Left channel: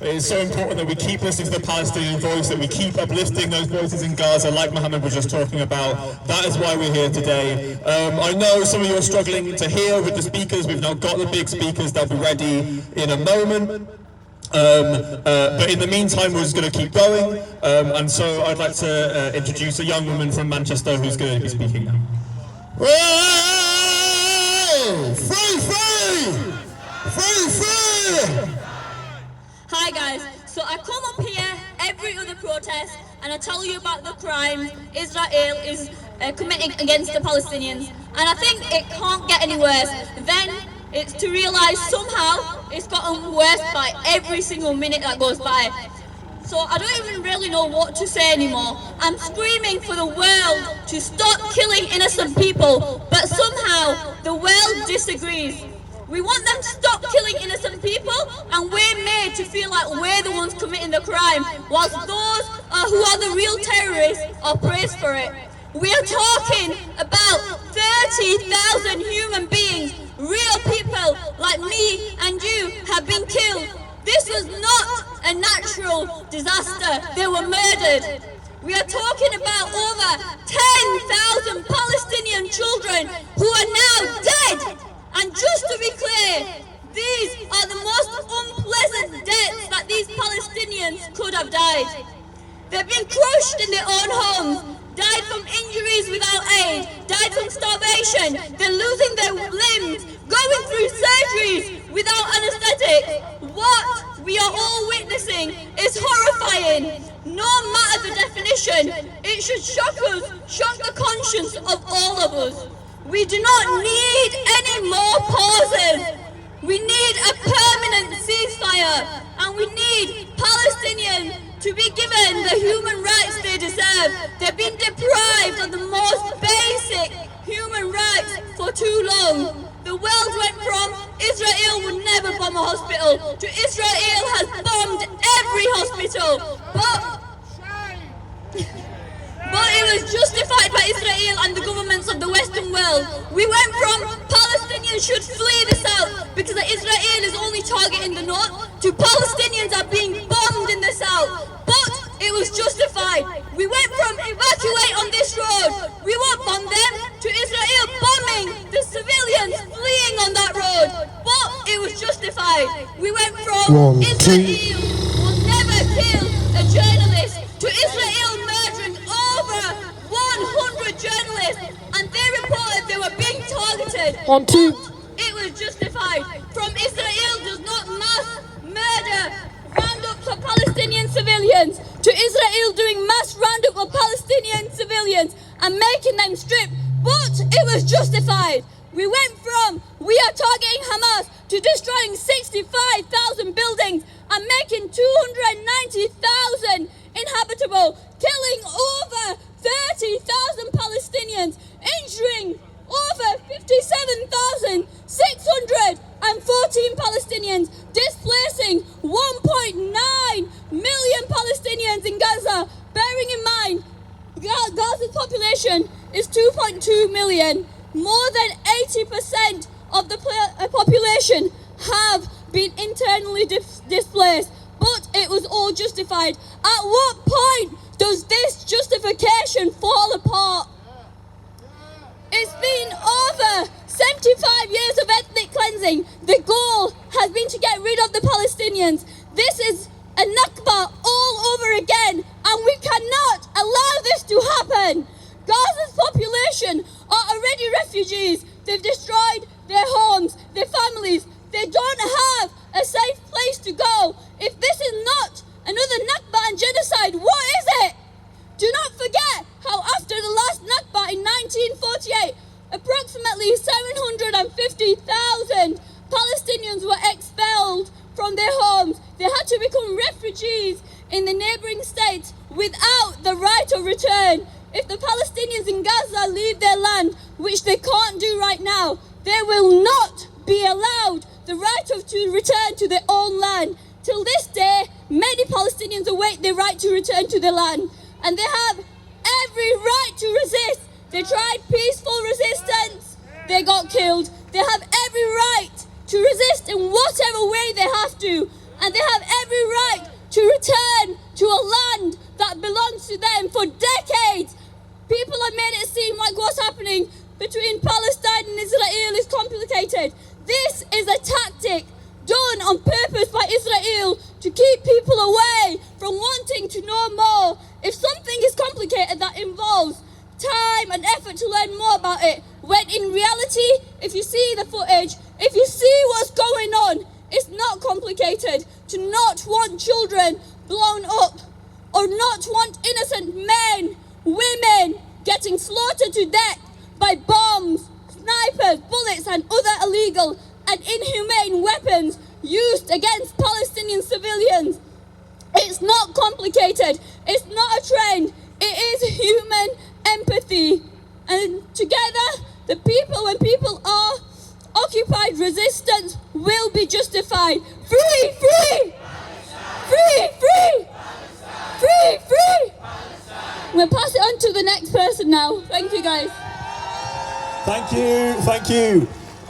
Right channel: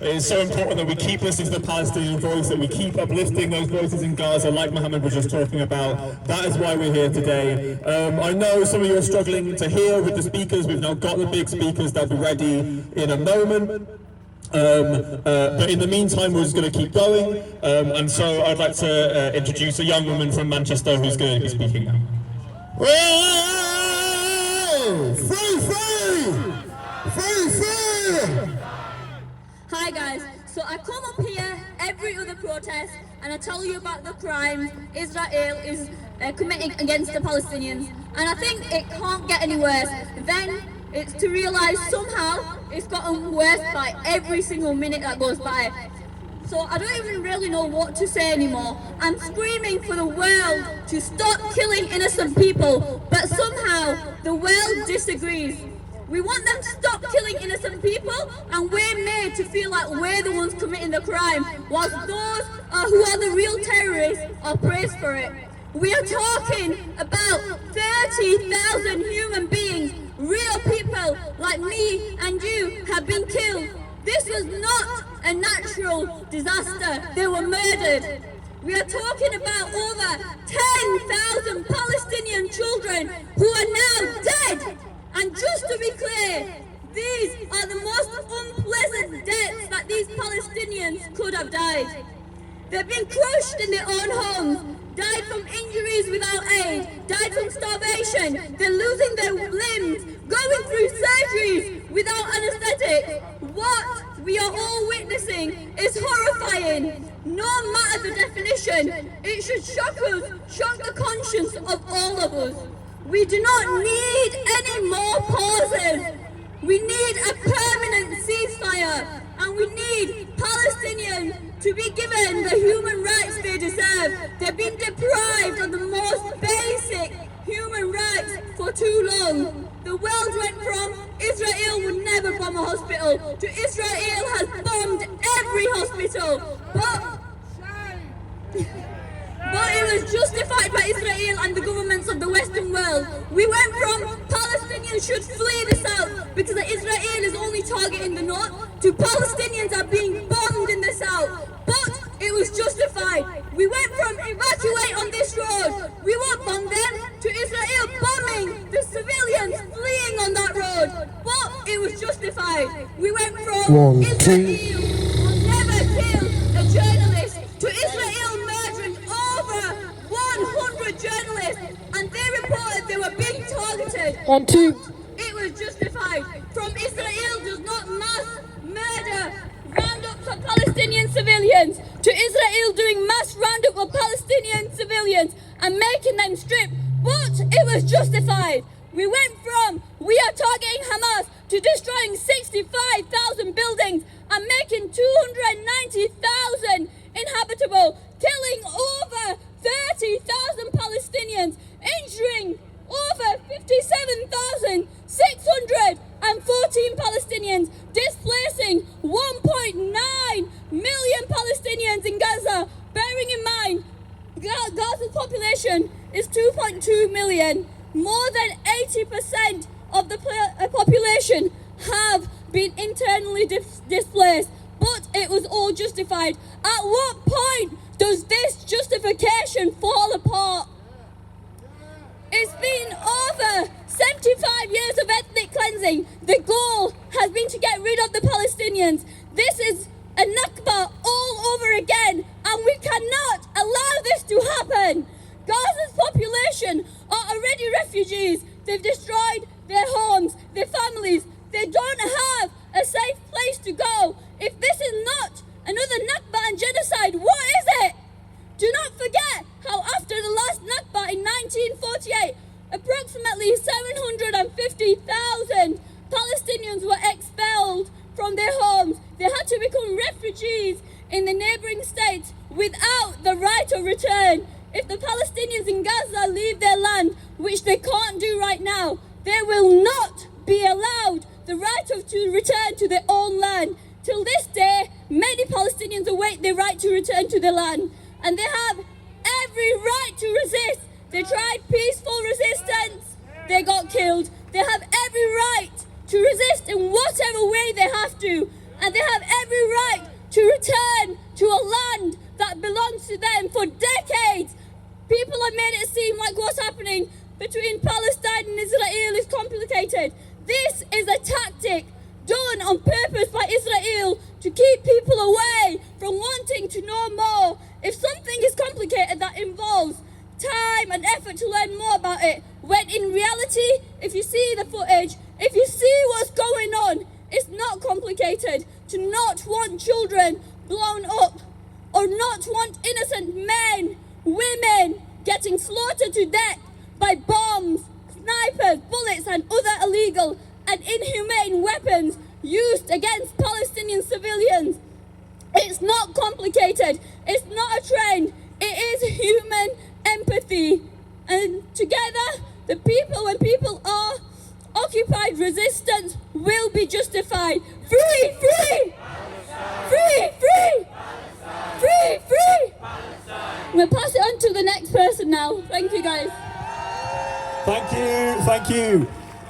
It is so important that we keep listening to the Palestinian voice, that we keep uplifting those voices in Gaza, like Mohammed was just talking about. That is why we're here today. I know some of you are struggling to hear with the speakers. We've now got the big speakers. They'll be ready in a moment. But in the meantime, we're just going to keep going. And so I'd like to introduce a young woman from Manchester who's going to be speaking now. Hi guys, so I come up here every other protest and I tell you about the crimes Israel is committing against the Palestinians, and I think it can't get any worse. Then it's to realise somehow it's gotten worse by every single minute that goes by. So I don't even really know what to say anymore. I'm screaming for the world to stop killing innocent people, but somehow the world disagrees. We want them to stop killing innocent people, and we're made to feel like we're the ones committing the crime, whilst those who are the real terrorists are praised for it. We are talking about 30,000 human beings, real people like me and you, have been killed. This was not a natural disaster. They were murdered. We are talking about over 10,000 Palestinian children who are now dead. And just to be clear, these are the most unpleasant deaths that these Palestinians could have died. They've been crushed in their own homes, died from injuries without aid, died from starvation, they're losing their limbs, going through surgeries without anaesthetic. What we are all witnessing is horrifying. No matter the definition, it should shock us, shock the conscience of all of us. We do not need any more pauses. We need a permanent ceasefire, and we need Palestinians to be given the human rights they deserve. They've been deprived of the most basic human rights for too long. The world went from Israel would never bomb a hospital to Israel has bombed every hospital. But it was justified by Israel and the governments of the Western world. We went from Palestinians should flee the south because Israel is only targeting the north, to Palestinians are being bombed in the south. But it was justified. We went from evacuate on this road, we won't bomb them, to Israel bombing the civilians fleeing on that road. But it was justified. We went from Israel will never kill a journalist to Israel murdering over 100 journalists, and they reported they were being targeted. It was justified. From Israel does not mass murder roundups of Palestinian civilians to Israel doing mass roundup of Palestinian civilians and making them strip. But it was justified. We went from we are targeting Hamas to destroying 65,000 buildings and making 290,000 inhabitable, killing over 30,000 Palestinians, injuring over 57,614 Palestinians, displacing 1.9 million Palestinians in Gaza. Bearing in mind, Gaza's population is 2.2 million. More than 80% of the population have been internally displaced. But it was all justified. At what point does this justification fall apart? It's been over 75 years of ethnic cleansing. The goal has been to get rid of the Palestinians. This is a Nakba all over again, and we cannot allow this to happen. Gaza's population are already refugees. They've destroyed their homes, their families. They don't have a safe place to go. If this is not another Nakba and genocide, what is it? Do not forget how after the last Nakba in 1948, approximately 750,000 Palestinians were expelled from their homes. They had to become refugees in the neighbouring states without the right of return. If the Palestinians in Gaza leave their land, which they can't do right now, they will not be allowed the right to return to their own land. Till this day, many Palestinians await their right to return to their land, and they have every right to resist. They tried peaceful resistance, they got killed. They have every right to resist in whatever way they have to, and they have every right to them for decades. People have made it seem like what's happening between Palestine and Israel is complicated. This is a tactic done on purpose by Israel to keep people away from wanting to know more. If something is complicated, that involves time and effort to learn more about it. When in reality, if you see the footage, if you see what's going on, it's not complicated to not want children blown up or not want innocent men, women getting slaughtered to death by bombs, snipers, bullets and other illegal and inhumane weapons used against Palestinian civilians. It's not complicated. It's not a trend. It is human empathy. And together, when people are occupied, resistance will be justified. Free, free! Free, free! Free, free! We'll pass it on to the next person now. Thank you, guys. Thank you, thank you.